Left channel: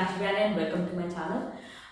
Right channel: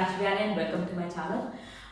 Meenakshi and welcome to my channel.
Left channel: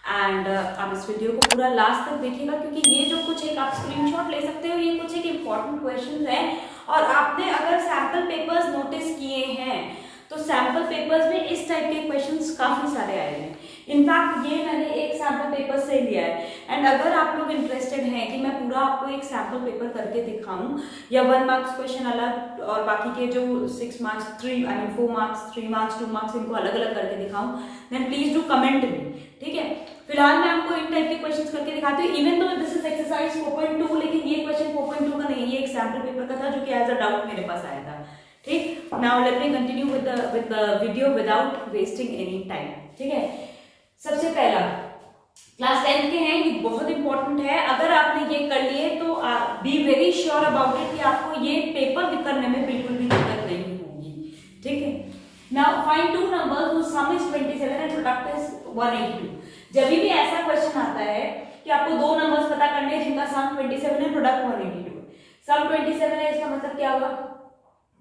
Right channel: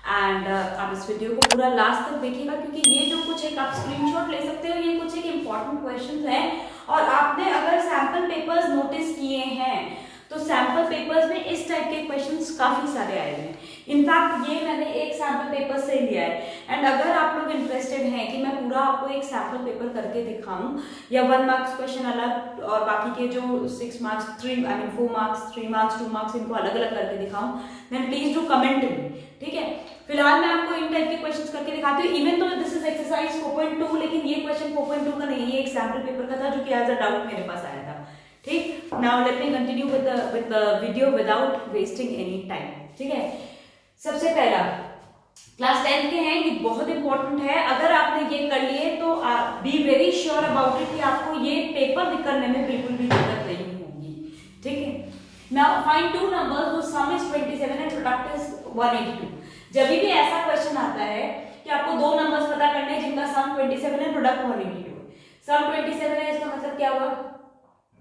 And आप इस video को पूरा लास्ट तक देखिएगा क्योंकि ये जो कुछ एक आप स्क्रीनशॉट ले सकते हो, ये कुछ एक इम्पॉर्टेंट क्वेश्चन है। और आपने अगर सैम्पल पेपर्स नोटिस किए हैं तो सैम्पल पेपर्स में इस टाइप के क्वेश्चंस काफी सारे आए हैं। इनफैक्ट ये मैंने एक सैम्पल पेपर से लिया है। एंड अगर आप लोग इंटरेस्टेड हैं कि मैं पूरा आपको एक सैम्पल पेपर करके दिखाऊं या 1 मार्क्स क्वेश्चन अलग और बाकी के जो 6 मार्क्स 4 मार्क्स 3 मार्क्स 2 मार्क्स इनको अलग अलग करके दिखाऊं, then please do comment me, ठीक है। फिलहाल मैं आपको इन टाइप के क्वेश्चंस करके दिखाती हूँ। Even though this is exercise 4.2, लेकिन ये क्वेश्चन 4.2 का नहीं है, ये एक सैम्पल पेपर का था जो कि एज अ डाउट मेरे पास आया था। ठीक, now let me continue with the video without wasting any time. ठीक है, सबसे पहला क्लास 10 के हैं, ये बहुत इंपॉर्टेंट है। अगर आपने ये कर लिए तो be very sure about it कि आपको ये पेपर करने में बिल्कुल भी दिक्कत नहीं होगी। ठीक है, now find two numbers whose sum is 27 and product is 182। जब भी ऐसा क्वेश्चन आता है कि आपको दो नंबर्स पता करने हैं जिनका सम 27 है, प्रोडक्ट 182 है। सम 27 है, इसका मतलब क्या हुआ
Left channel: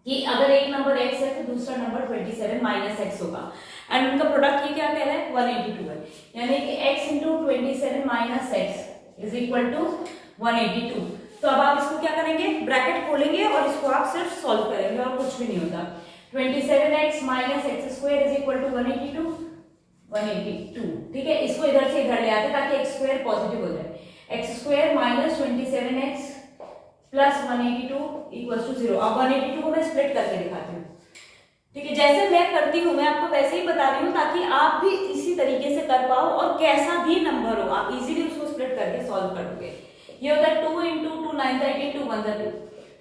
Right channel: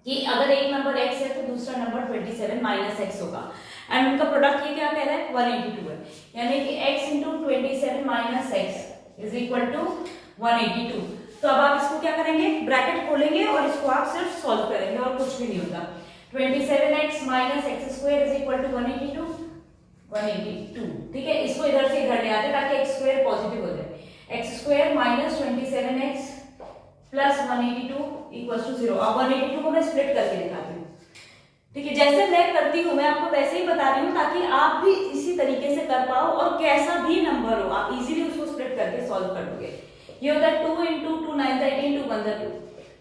कि अगर एक नंबर x है तो दूसरा नंबर 27 माइनस x होगा। एंड उनका प्रोडक्ट ये क्या कह रहा है, 182 है, यानी कि x into 27 minus x is equal to 182। तो अब आप इसको क्या करेंगे, ब्रैकेट खोलेंगे और इसको आप सिर्फ सॉल्व करेंगे और कुछ भी नहीं होगा। 27x minus x square is equal to 182। ठीक है, इसको इधर से इधर ले आते ताकि एक्स स्क्वायर पॉजिटिव हो जाए। X square minus 27x plus 182 equal to 0। अब 182 को मैं स्प्लिट करके दिखाती हूँ। ठीक है, जैसे मैं करती हूँ मैं आपको वैसे ही बता रही हूँ ताकि आप भी इसी तरीके से कर पाओ और कैसा भी नंबर हो आप इजीली उसको स्प्लिट करके सॉल्व कर दोगे। ये होता है 2 इंटू 2 9 18 2 1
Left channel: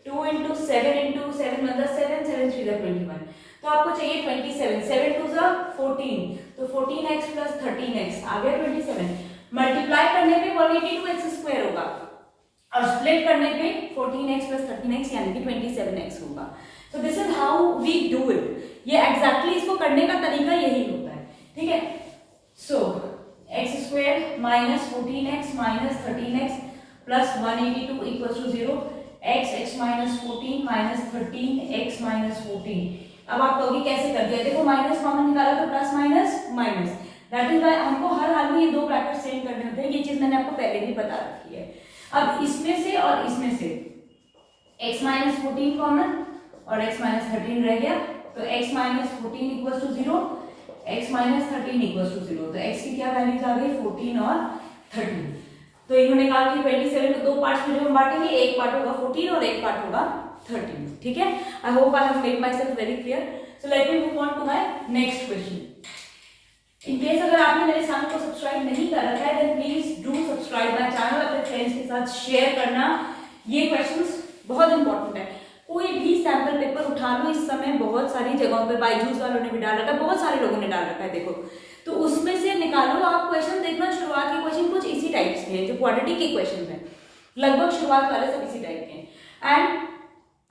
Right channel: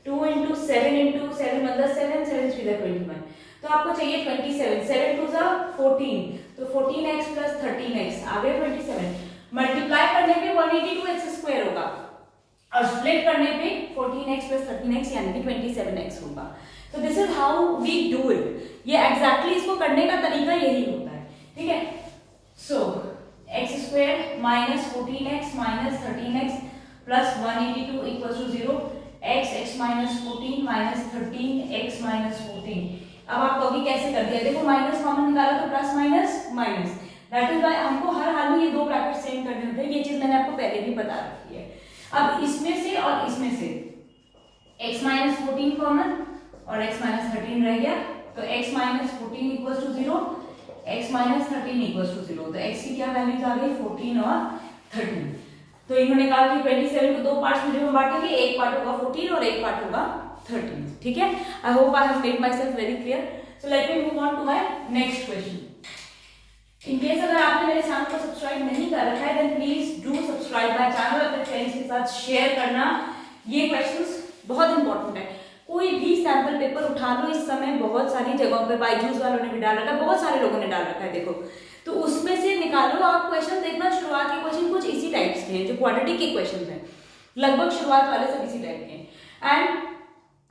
2 इंटू 7 इंटू 7 1 7 7 3 21। तो आपको चाहिए 27, 7 2 14, तो 14x प्लस 13x आ गया 27। मल्टीप्लाई करने पे 182x स्क्वायर होगा और स्प्लिट करने पे 14x प्लस 13x यानी कि 27x होगा। तो this is how we do it. ये एग्जैक्टली इसको करने का तरीका यही होता है। ठीक है, so x square minus 14x minus 13x plus 182 equal to 0। x minus 14 minus 13x minus 14। अब आप कहोगे कैसे कर दिया, देखो माइनस कॉमन निकाला तो plus minus minus, that is why हमको हर हाल में ये दो ब्रैकेट सेम करने होते हैं। ये चीज मैंने आपको पहले भी बता रखी है। अब इसमें से और इसमें से x माइनस 14 कॉमन और x माइनस 13 रह गया, तो x minus 14 equal to 0, x minus 13 equal to 0। तो x की क्या वैल्यूज आ गई, 14 और 13। तो इन्होंने कहा कि 27 को दो पार्ट्स में जब हम बांटेंगे, एक पार्ट होगा 14 और एक पार्ट होगा 13। ठीक है, I hope I have made myself very clear. So let me move on to my next question. In case अगर आपने मेरे चैनल को सब्सक्राइब नहीं कर रखा है then please do subscribe my channel, अपने फ्रेंड्स के साथ शेयर करना। ये क्वेश्चंस बहुत इंपॉर्टेंट है। कोई भी सैंपल पेपर उठा लो, इस समय बहुत सारी जगहों पे बायजूस वालों ने भी डाल रखा है, बहुत सारे लोगों ने डाल रखा है, देखो तो उसमें से निकालो आप क्वेश्चन। देखना शुरुआत के क्वेश्चन कुछ इसी टाइप के हैं, जो क्वाड्रेटिक के क्वेश्चन है लगभग शुरुआत वाले सब इसी टाइप के हैं। एंड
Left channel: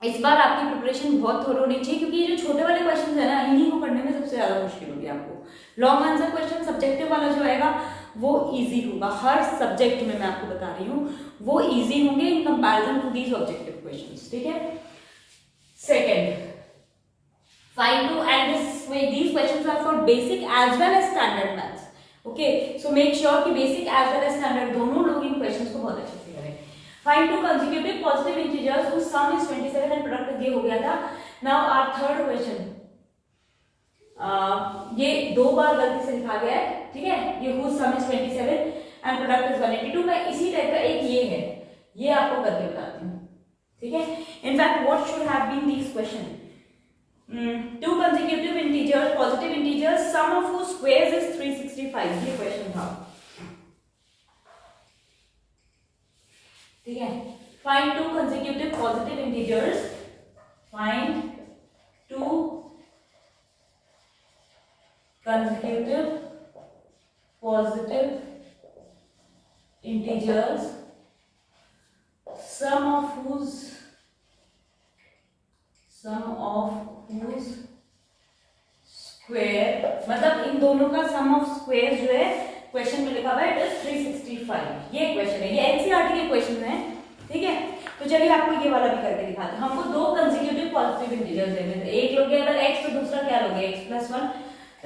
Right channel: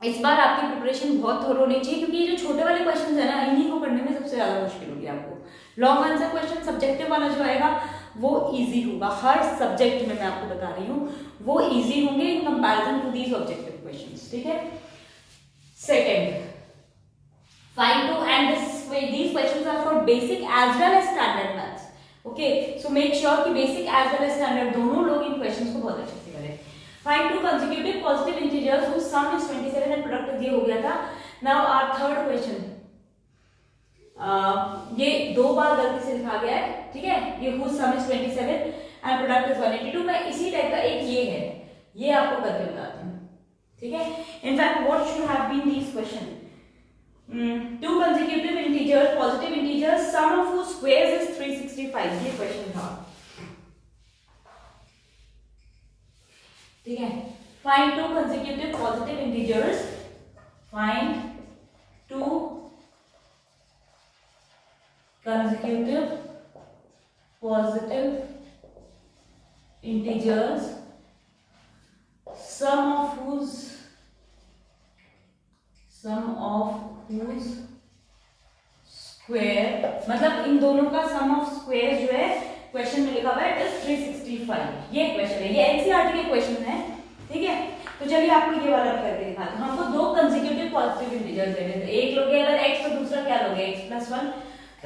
इस बार आपकी प्रिपरेशन बहुत थोड़ा होनी चाहिए क्योंकि ये जो छोटे वाले क्वेश्चन है ना, इन्हीं को करने में सबसे ज्यादा मुश्किल होगी आपको। लॉन्ग आंसर क्वेश्चन सब्जेक्टिव वाला जो आएगा वो इजी होगा, हर सब्जेक्ट में मैं आपको बता रही हूँ वो इजी होंगे in comparison to these objective questions. ठीक है, second find two and these questions are for basic as well as standard maths. Okay, so make sure कि basic as well as standard दोनों लोग इन questions को बहुत अच्छे से करें। Find two consecutive positive integers whose sum is 27 and product ये हो गया था। Now our third question, ये दो बार गलती से लिखा गया है। ठीक है, ये whose sum is 27 and product is 182। मैं इसी टाइप का एक ये है, ये आपको करके बताती हूँ। ठीक है, in fact what should have been these questions? Two consecutive integers, positive integers, sum of whose squares is 365, ये क्वेश्चन था। ठीक है, find two consecutive positive integers, find two consecutive positive integers, sum of whose square, मतलब इन दोनों का सम of square जो है question में लिखा हुआ है इट इज 365। ये क्वेश्चन है, ये एनसीईआरटी के क्वेश्चन है। ठीक है, तो चलिए आपको ये वाला भी करके दिखाते हैं। हमको दो कंसेक्यूटिव पॉजिटिव इंटीजर्स देने थे, एक लोगे अगर x तो दूसरा क्या लोगे x प्लस 1।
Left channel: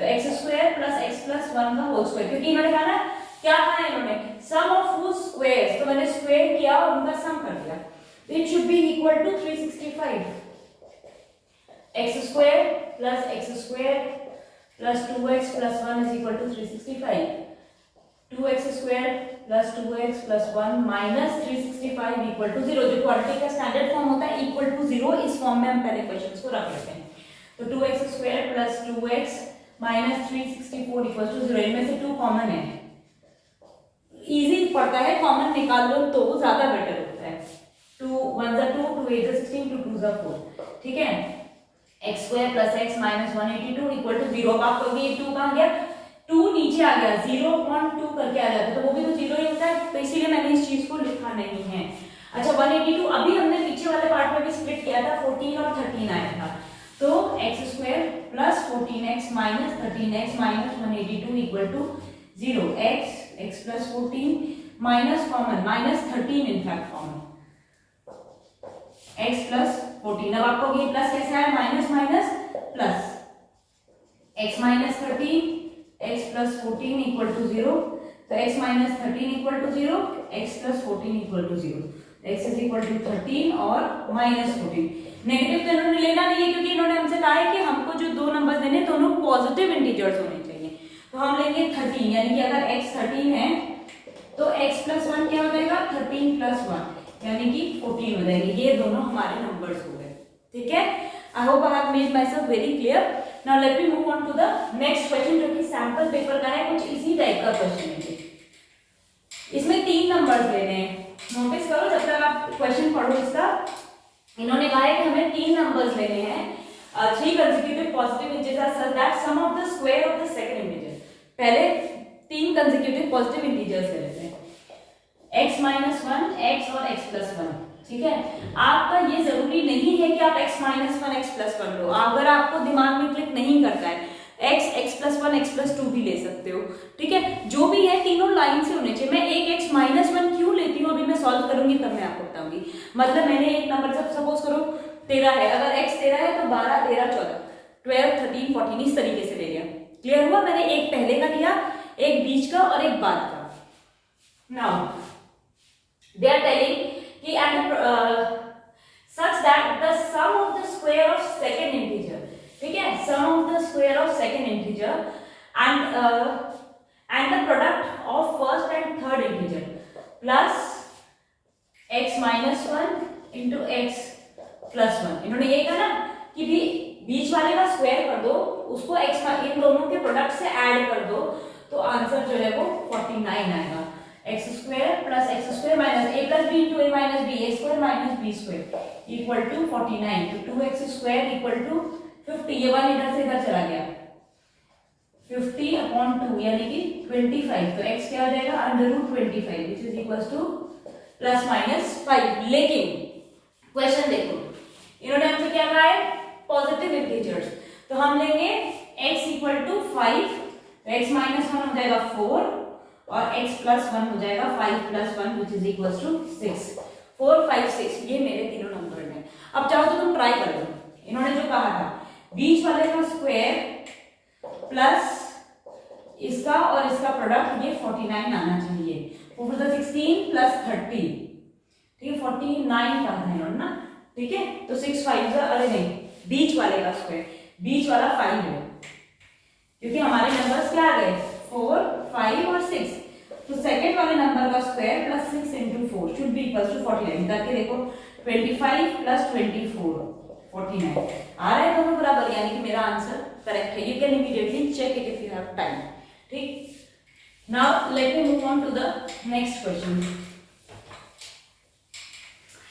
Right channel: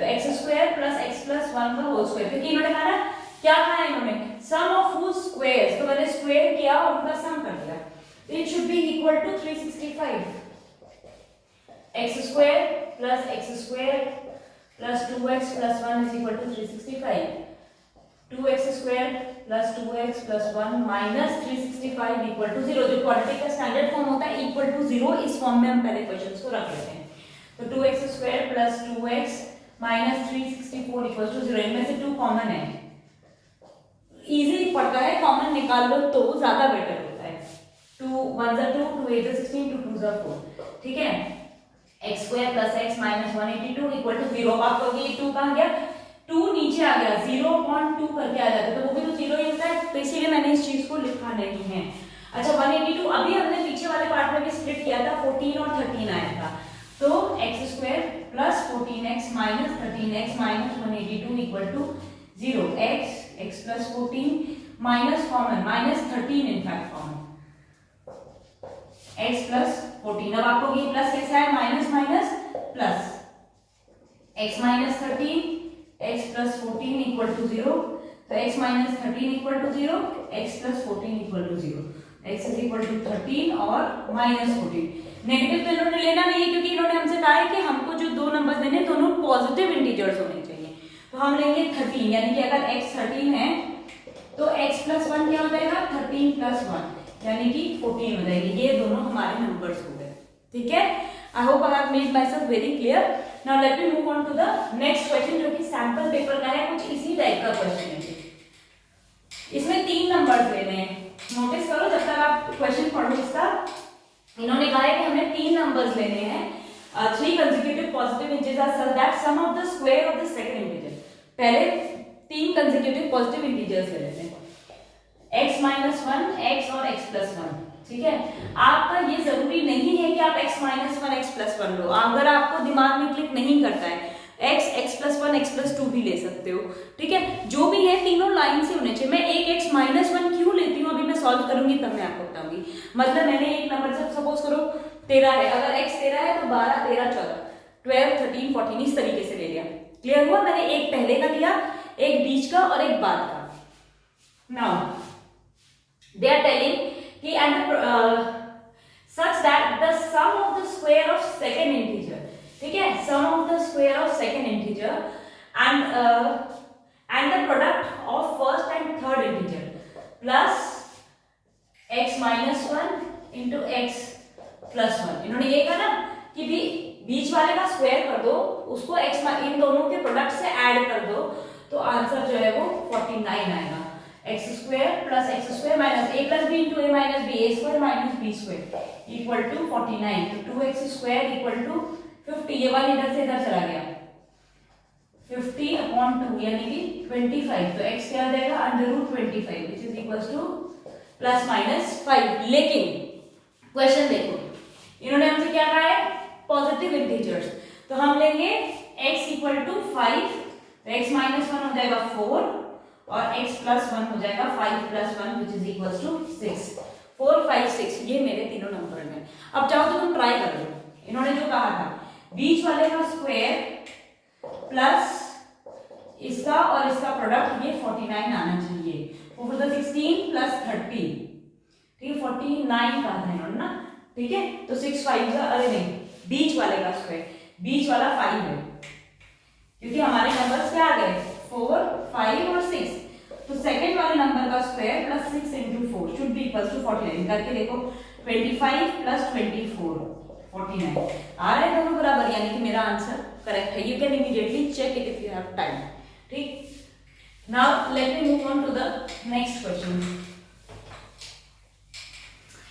तो x square plus x plus 1 का होल स्क्वायर, क्योंकि इन्होंने कहा ना, क्या कहा है इन्होंने, सम ऑफ हुज स्क्वायर्स, तो मैंने स्क्वायर किया और उनका सम कर दिया। It should be equal to 365, x square plus 2x plus 1 is equal to 365, 2x square plus 2x plus 1 minus 365 equal to 0। जो क्वाड्रेटिक का स्टैंडर्ड फॉर्म होता है इक्वल टू 0, इस फॉर्म में हम पहले क्वेश्चंस को रख लेते हैं। तो 2x square plus 2x minus 364 equal to 0, इनमें से 2 कॉमन है, इजी पड़ता है, कॉमन निकाल लो तो ज्यादा बेटर होता है। 2 1 जा 2, 2 8 जा 16, 2 2 जा 4, ठीक है। X square plus x minus 182 equal to 0। अब आप कहोगे 2 कहाँ गया, 2 नीचे आ गया, 0.2 करके आ जाता है, तो वो भी तो 0 ही होता है, तो इसीलिए मैंने इस चीज को लिखा नहीं है। अच्छा 182 अभी हमने पीछे वाले पार्ट में भी स्प्लिट किया था, 14 और 13 आया था, तो x square plus 14x minus 13x minus 182 equal to 0। X plus 14 minus common minus 13 in fact common, x plus 14। अब आपको ये प्लस कैसे आया, minus minus plus, x minus 13 x plus 14 equal to 0, तो x minus 13 equal to 0, x plus 14 equal to 0, x is equal to 13 और minus 14। Negative तो इन्होंने लेना नहीं है, क्योंकि इन्होंने हमसे कहा है कि हमको जो दो नंबर देने दोनों पॉजिटिव इंटीजर्स होने चाहिए, तो हम लेंगे 13, यानी कि अगर x 13 है तो x प्लस 1 क्या हो जाएगा, 13 प्लस 1 यानी कि 14 हो जाएगी। ये दोनों हमारे नंबर्स हो गए, ठीक है। I hope I have made myself very clear. Now let me move on to the next question, जो कि सैंपल पेपर का है, कुछ इसी टाइप का क्वेश्चन है। इसमें 3 नंबर्स लेने हैं, नोटिस करो जब तक आप क्वेश्चन पढ़ो इसका। इन्होंने कहा है कि हमें 3 नंबर्स लेने हैं, 3 consecutive positive integers are such that sum of the square of the second integer. पहले 3 कंसेक्यूटिव पॉजिटिव इंटीजर्स ले लेते हैं, x माइनस 1, x और x प्लस 1, ठीक है। आपका ये जरूरी नहीं है कि आप x माइनस 1 x प्लस 1 लो, अगर आपको दिमाग में क्लिक नहीं करता है x प्लस 1 x प्लस 2 भी ले सकते हो, ठीक है। जो भी है तीनों लाइन से होने चाहिए। मैं एक x माइनस 1 क्यों लेती हूँ अभी मैं सॉल्व करूंगी तब मैं आपको बताऊंगी। मतलब मैंने एक नंबर जब सपोज करो 13 है, अगर x 13 है तो 12 13 14 12 13 14 इस तरीके से ले लिया। क्लियर हुआ, मैंने एक पहले का लिया, एक बीच का और एक बाद का। नाउ दे आर टेलिंग कि and such that the sum of the square of second integer, ठीक है, sum of the square of second integer and the product of first and third integer plus x minus 1 into x plus 1। इन्होंने ये कहा ना कि भी बीच वाले का स्क्वायर कर दो, उसको x इन दोनों के प्रोडक्ट से ऐड कर दो, तो आंसर जो है वो 49 आएगा। X square plus x square minus a plus b into a minus b, a square minus b square equal to 49। तो 2x स्क्वायर इक्वल टू 50, ये 1 इधर से इधर चला गया, 50 अपॉन 2 यानी कि 25। तो x क्या आ जाएगा, under root 25 which is equal to plus minus 5। लेकिन क्वेश्चन देखो, इन्होंने हमसे क्या कहा है, पॉजिटिव इंटीजर्स, तो हम लेंगे x equal to 5, x minus 1 हो जाएगा 4 और x प्लस 1 हो जाएगा 5 plus 1 which is equal to 6। 4 5 6 ये मेरे तीनों नंबर हैं। अब चाहो तो तुम ट्राई कर लो, इन्होंने जो कहा था बीच वाले का स्क्वायर प्लस इसका और इसका प्रोडक्ट, ये 49 आना चाहिए। ऊपर तो 16 प्लस 30, ठीक है, 49 कहा था इन्होंने ना, ठीक है। तो 6 5 अरे नहीं, बीच वाले का स्क्वायर, बीच वाला 5 है, क्योंकि हमारे नंबर्स क्या आ गए 4 5 और 6। तो सेकंड वाले नंबर का square plus 6 into 4 should be equal to 49। करके देखो 25 प्लस 24 49 आ रहा है दोनों बराबर, यानी कि मेरा आंसर करेक्ट है। You can immediately check it if you have time, ठीक। Now let me move on to the next question.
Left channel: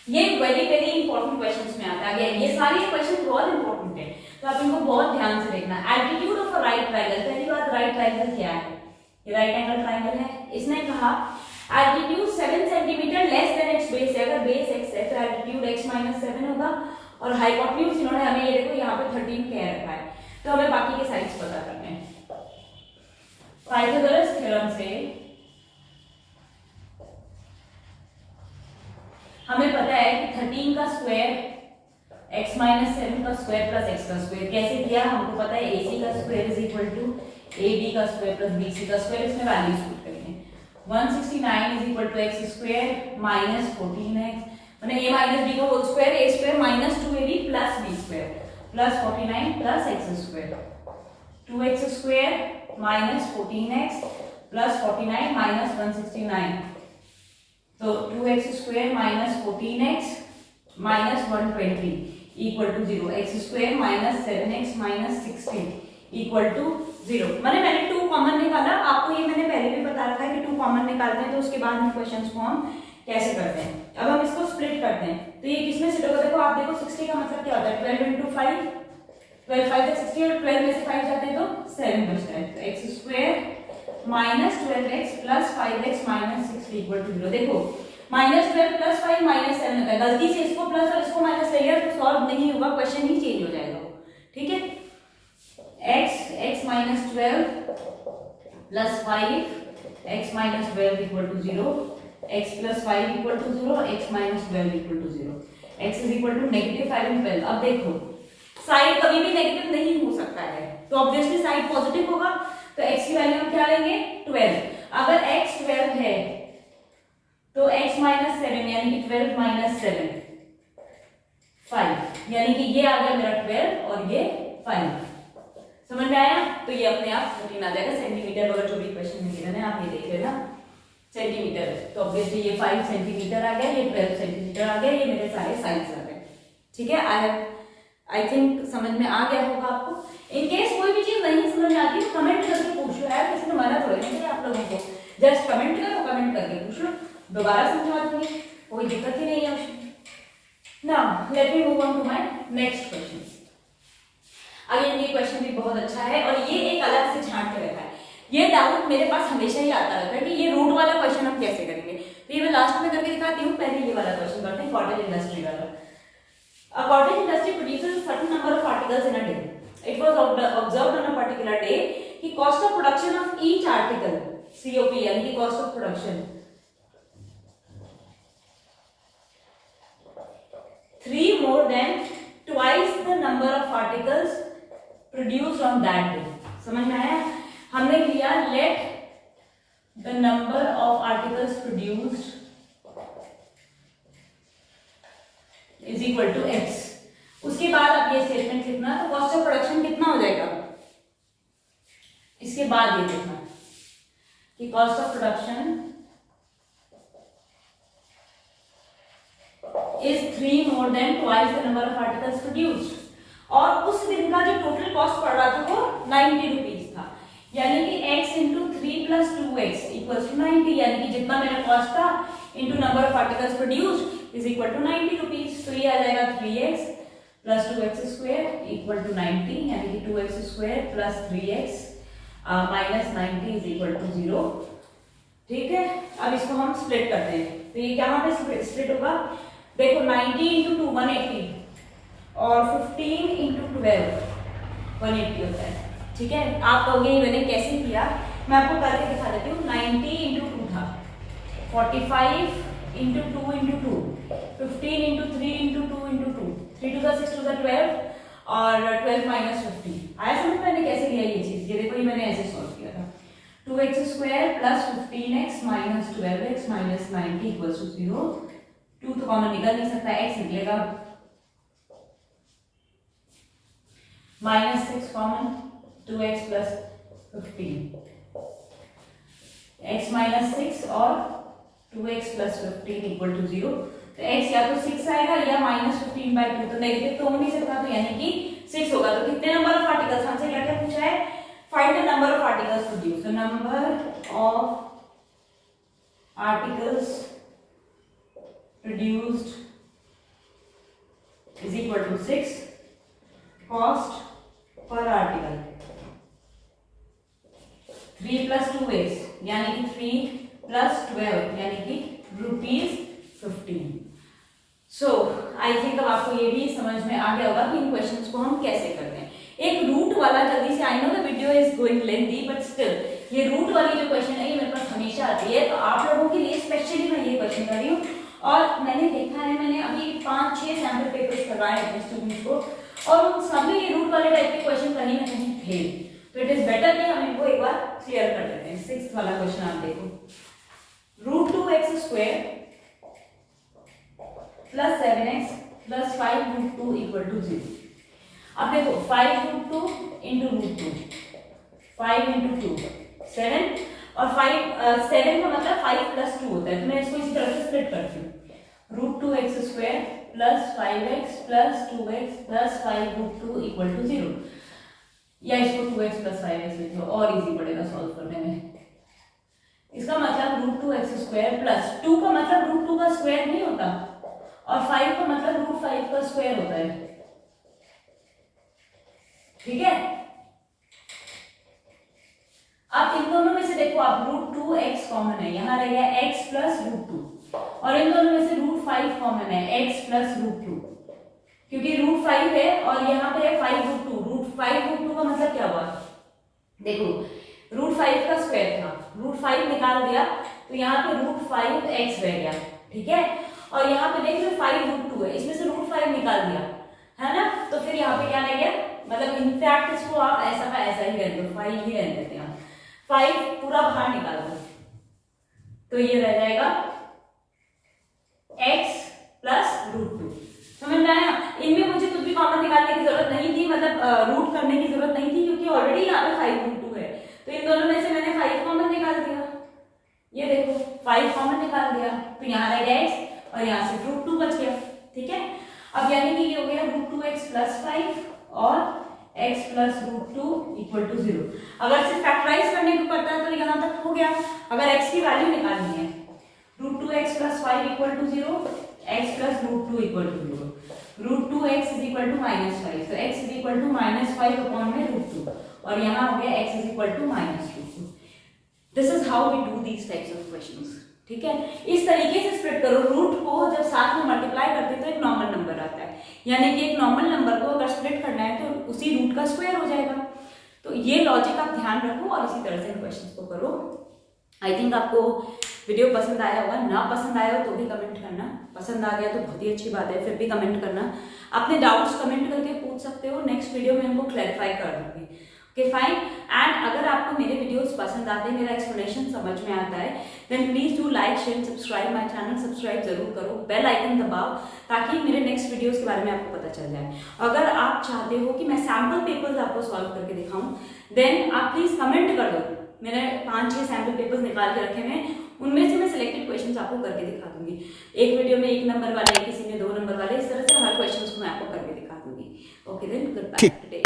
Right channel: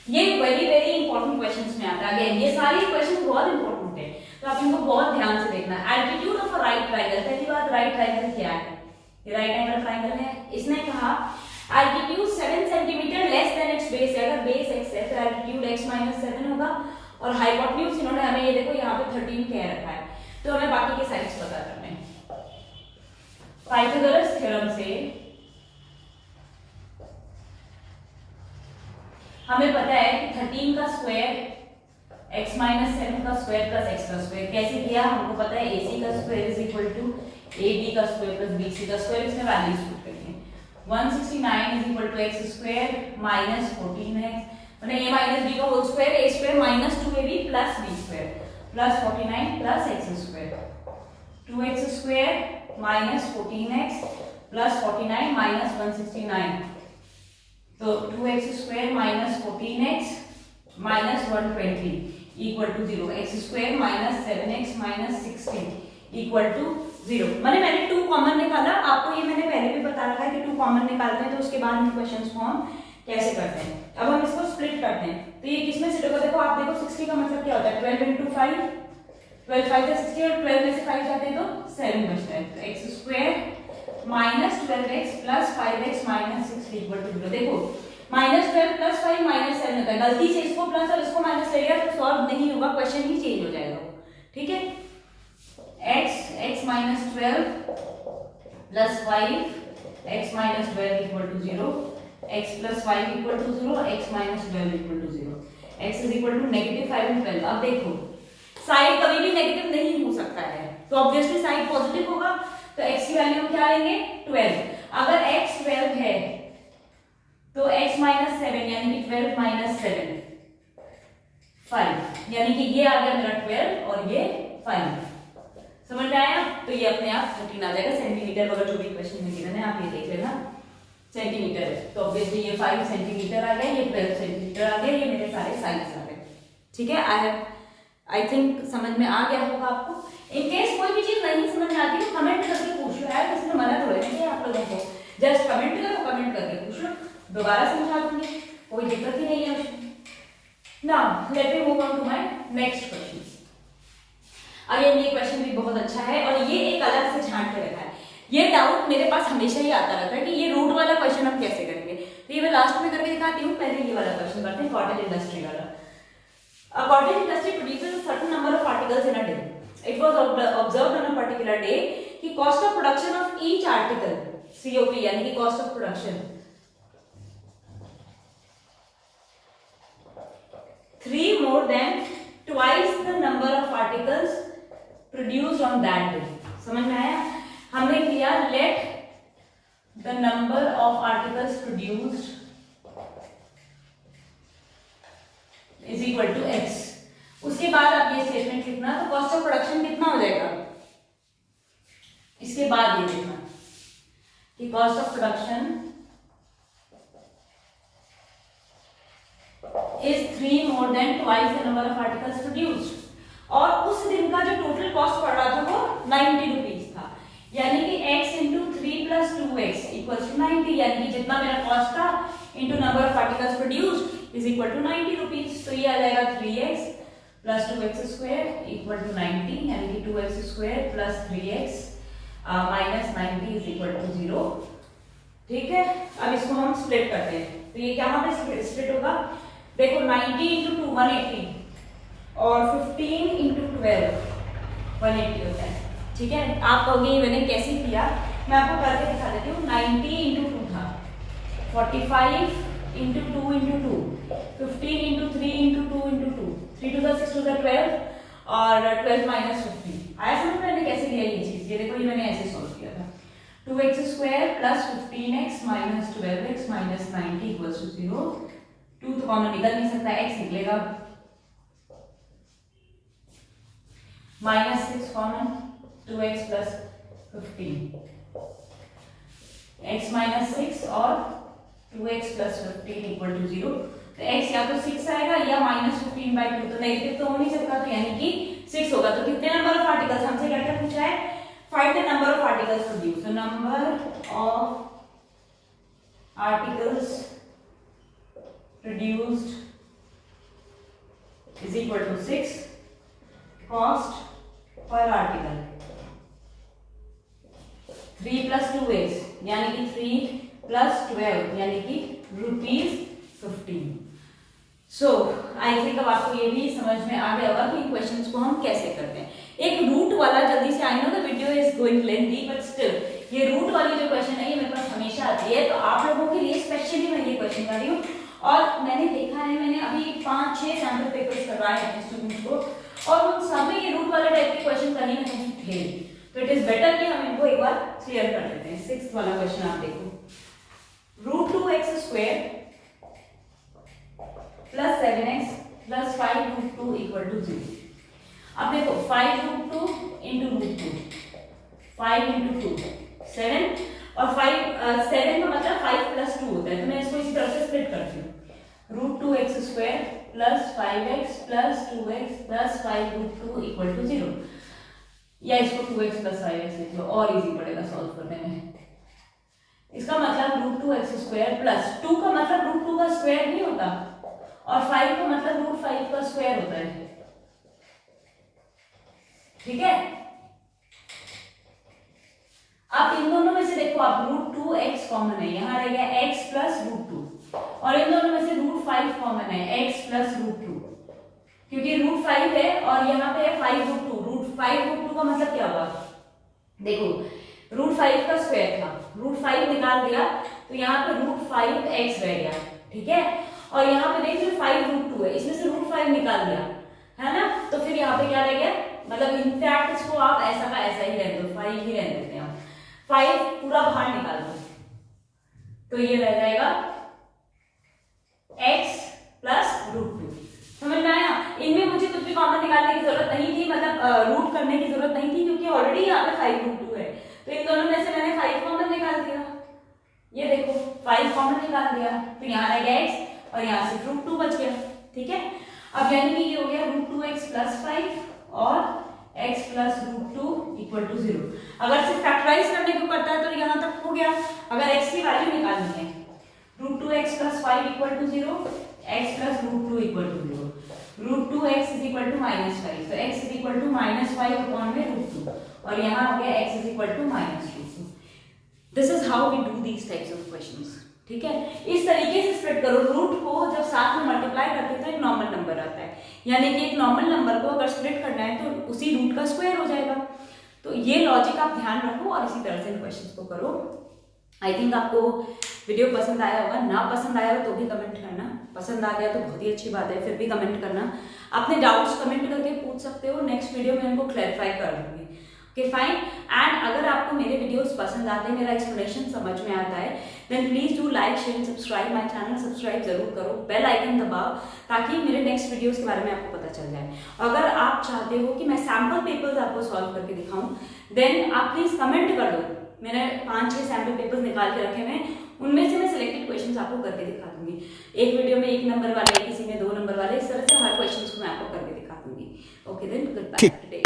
ये वेरी वेरी इंपॉर्टेंट क्वेश्चंस में आता है। ये सारे क्वेश्चन बहुत इंपॉर्टेंट है, तो आप इनको बहुत ध्यान से देखना। Altitude of a right triangle, पहली बात राइट ट्रायंगल क्या है, ये राइट एंगल ट्रायंगल है। इसने कहा altitude 7 centimetre less than it's base है, अगर बेस x है तो एल्टीट्यूड x माइनस 7 होगा, और हाइपोटेन्यूज इन्होंने हमें ये देखो यहाँ पे 13 कह रखा है, तो हमें बाकी के साइड्स पता करने हैं। पाइथागोरस थ्योरम से हमें पता है कि 13 का स्क्वायर x माइनस 7 का स्क्वायर प्लस x का स्क्वायर। कैसे किया, हमको पता है ac का square is equal to ab का स्क्वायर प्लस bc का स्क्वायर। इसमें वैल्यूज पुट करेंगे। 169 is equal to x square minus 14x मैंने a माइनस b का whole square, a square minus 2ab plus b square plus 49 plus x square. 2x square minus 14x plus 49 minus 169, तो 2x square minus 14x minus 120 equal to 0। X square minus 7x minus 16 equal to 0। मैंने 2 common निकाला। आपको ये मैंने पहले भी बता रखा है कि 2 कॉमन निकालते हैं तो उसके बाद इन क्वेश्चंस को हम कैसे करते हैं। अब हम इसको स्प्लिट करते हैं तो ये किसमें सेट होगा, देखो आप देखो 60 का मतलब क्या होता है 12 into 5, 12 5 का 60 और 12 में से 5 जाते हैं तो 7 बचता है। तो x square minus 12x plus 5x minus 6 equal to 0। देखो माइनस 12 प्लस 5 माइनस 7 होता है, गलती से इसको प्लस और इसको माइनस ले लिया तो सॉल्व नहीं होगा, क्वेश्चन ही चेंज हो जाएगा वो, ठीक है। x minus 12 plus 5 x minus 12 equal to 0, x plus 5 equal to 0, x minus 12 equal to 0, x is equal to negative 5 and 12। अब देखो साइड कभी भी नेगेटिव नहीं हो सकता है, तो ऑब्वियसली साइड पॉजिटिव होगा, तो x की वैल्यू हम क्या लेंगे 12। अगर x 12 है तो x माइनस 7 यानी कि 12 माइनस 7 5, यानी कि ये आ गया मेरा 12 और ये 5। समझ में आया, तो ये अपने आप 14 आ जाएगा। सेंटीमीटर वगैरह जो भी क्वेश्चन में गिवन है आप ये देख लेना, सेंटीमीटर है तो ऑब्वियसली ये 5 सेंटीमीटर आ गया, ये 12 सेंटीमीटर आ गया, ये मेरे सारे साइज आ गए, ठीक है। आई थिंक समझ में आ गया होगा आपको। इन केस कोई भी चीज नहीं समझ में आती तो कमेंट करके पूछ लो यार, किसी ने मना थोड़ी नहीं किया आप लोगों को, जस्ट कमेंट करो, कमेंट करके पूछ लो, दोबारा समझा दूंगी, कोई दिक्कत ही नहीं है उसमें। Now let me move on to my next question. Again ये क्वेश्चन भी बहुत अच्छा है और ये एक अलग से छांट के रखा है। ये डाउट मेरे पास हमेशा ही आता रहता है कि ये रूट वाला क्वेश्चन हम कैसे करेंगे, तो ये मैं लास्ट में करके दिखाती हूँ। पहले ये वाला क्वेश्चन करते हैं, कॉटेज इंडस्ट्री वाला। A cottage industry produces a certain number of articles in a day. It was observed on a particular day कि cost of production of each article COP यानी कि cost of production 3 more than twice the number of articles produced on that day. समझ में आया, हमने किया let the number of articles produced is equal to x. उसके बाद आप ये स्टेटमेंट लिखना, तो कॉस्ट ऑफ प्रोडक्शन कितना हो जाएगा, इसके बाद ये लिखना कि cost of production is 3 more than twice the number of articles produced। और उस दिन का जो टोटल कॉस्ट पड़ रहा था वो 90 रुपीज था, यानी कि x into 3 plus 2x equals to 90, यानी कि जितना मेरा कॉस्ट था into number of articles produced is equal to 90 rupees. तो ये आ जाएगा 3x plus 2x square equal to 90, यानी कि 2x square plus 3x minus 90 is equal to 0, ठीक है। अब इसको हम स्प्लिट करते हैं, तो ये क्या पे स्प्लिट होगा, देखो 90 इंटू 2 180 और 15 इंटू 12 180 होता है, ठीक है। आप कहोगे मैंने कैसे किया, मैं आपको करके दिखा देती हूँ। 90 इंटू 2 था, 45 into 2 into 2, 15 into 3 into 2 into 2, 3 to 6 to 12 और 12 माइनस 15। आया समझ मैंने कैसे लिया ये चीज, ये देखो ये मैंने ऐसे सॉल्व किया था। 2x square plus 15x minus 12x minus 90 equals to 0। 2 तो कॉमन निकल नहीं सकता, x निकलेगा, minus 6 common, 2x plus 15, x minus 6 और 2x प्लस 15 इक्वल टू 0। तो x या तो 6 आएगा या माइनस 15/2, तो नेगेटिव तो हो नहीं सकता, तो यानी कि 6 होगा। तो कितने नंबर ऑफ आर्टिकल्स, हमसे क्या क्या पूछा है, find the number of articles produce. तो number of articles produced is equal to 6 cost per article 3 plus 2x यानी कि 3 प्लस 12 यानी कि ₹15। सो आई थिंक अब आपको ये भी समझ में आ गया होगा कि इन क्वेश्चंस को हम कैसे करते हैं। एक रूट वाला जल्दी से, I know the video is going lengthy but still ये रूट वाली जो क्वेश्चन है ये मेरे पास हमेशा आती है, तो आप लोगों के लिए स्पेशली मैं ये क्वेश्चन कर रही हूँ और मैंने देखा है, मैंने अभी 5-6 सैम्पल पेपर्स करवाए हैं स्टूडेंट्स को, और उन सभी ये रूट वाले टाइप के क्वेश्चन कहीं ना कहीं थे। तो इट इज बेटर कि हम इनको एक बार क्लियर कर लेते हैं। 6th वाला क्वेश्चन आप देखो, √2x² + 7x + 5√2 = 0। अब देखो 5√2 × √2, 5 × 2 7, और 7 का मतलब 5 + 2 होता है, तो मैं इसको इसी तरह से स्प्लिट करती हूँ। √2x² + 5x + 2x + 5√2 = 0, या इसको 2x + 5x लिख लो, और इजी पड़ेगा सॉल्व करने में। इसका मतलब √2x² + 2 का मतलब √2 का स्क्वायर नहीं होता, और 5 का मतलब √5 का स्क्वायर होता है, ठीक है। अब इन दोनों में से देखो आप, √2x कॉमन है, यहाँ रह गया x + √2, और इन दोनों में से √5 कॉमन है, x + √2, क्योंकि √5 है और यहाँ पे है 5√2। √5√2 का मतलब क्या हुआ, देखो √5 का स्क्वायर था, √5 निकाल दिया तो यहाँ पे √5x रह गया, ठीक है। और यहाँ पे देखिए 5√2 है, इसमें से √5 निकाल दिया, है ना, तो फिर यहाँ पे क्या रह गया, मतलब इनफैक्ट इसको आप ऐसा का ऐसा ही रहने दो, 5 ही रहने देते हैं आप, 5 पूरा बाहर निकाल दो, तो ये रह जाएगा x + √2। समझ में आया। इनमें मुझे कुछ भी कॉमन निकालने की जरूरत नहीं थी, मतलब रूट करने की जरूरत नहीं थी, क्योंकि ऑलरेडी यहाँ पे 5√2 है, तो इन दोनों में से मैंने 5 कॉमन निकाल दिया। ये देखो 5 कॉमन निकाल दिया, तो यहाँ रह गया x और यहाँ से √2 बच गया, ठीक है। अब यानी कि ये हो गया √2x + 5 और x + √2 = 0। अगर सिर्फ फैक्टराइज करने को करता है तो यहाँ तक हो गया। अगर x की वैल्यू निकालनी है, √2x + 5 = 0, x + √2 = 0, √2x = -5, तो x = -5/√2, और यहाँ हो गया x = -√2। This is how we do these types of questions, ठीक है। इस तरीके से स्प्लिट करो। रूट को जब साथ में मल्टीप्लाई करते हैं तो एक नॉर्मल नंबर आता है, यानी कि एक नॉर्मल नंबर को अगर स्प्लिट करना है तो उसी रूट का स्क्वायर हो जाएगा। तो ये लॉजिक आप ध्यान रखो और इसी तरह से इन क्वेश्चंस को करो। आई थिंक आपको वीडियो पसंद आया होगा, ना पसंद आया हो तो भी कमेंट करना, पसंद आ गया तो बहुत ही अच्छी बात है, फिर भी कमेंट करना। अपने डाउट्स कमेंट करके पूछ सकते हो, नेक्स्ट वीडियो में इनको क्लैरिफाई कर दूंगी। Okay fine. एंड अगर आपको मेरे वीडियोस पसंद आते हैं, मेरा एक्सप्लेनेशन समझ में आता है, then please do like share subscribe my channel. Subscribe जरूर करो, बेल आइकन दबाओ, ताकि मेरे नेक्स्ट वीडियोस के बारे में आपको पता चल जाए। अगर आप चाहते हो कि मैं सैम्पल पेपर्स आपको सॉल्व करके दिखाऊं, देन आप प्लीज कमेंट कर दो। मैंने 5-6 सैम्पल पेपर्स निकाल के रखे हैं, उनमें से मैं सिलेक्टेड क्वेश्चंस आपको करके दिखा दूंगी। एक वीडियो में 1 नंबर वाले, किसी में 2 नंबर वाले, इस तरह से हर क्वेश्चंस को मैं आपको करके दिखा दूंगी। Okay then, good bye today.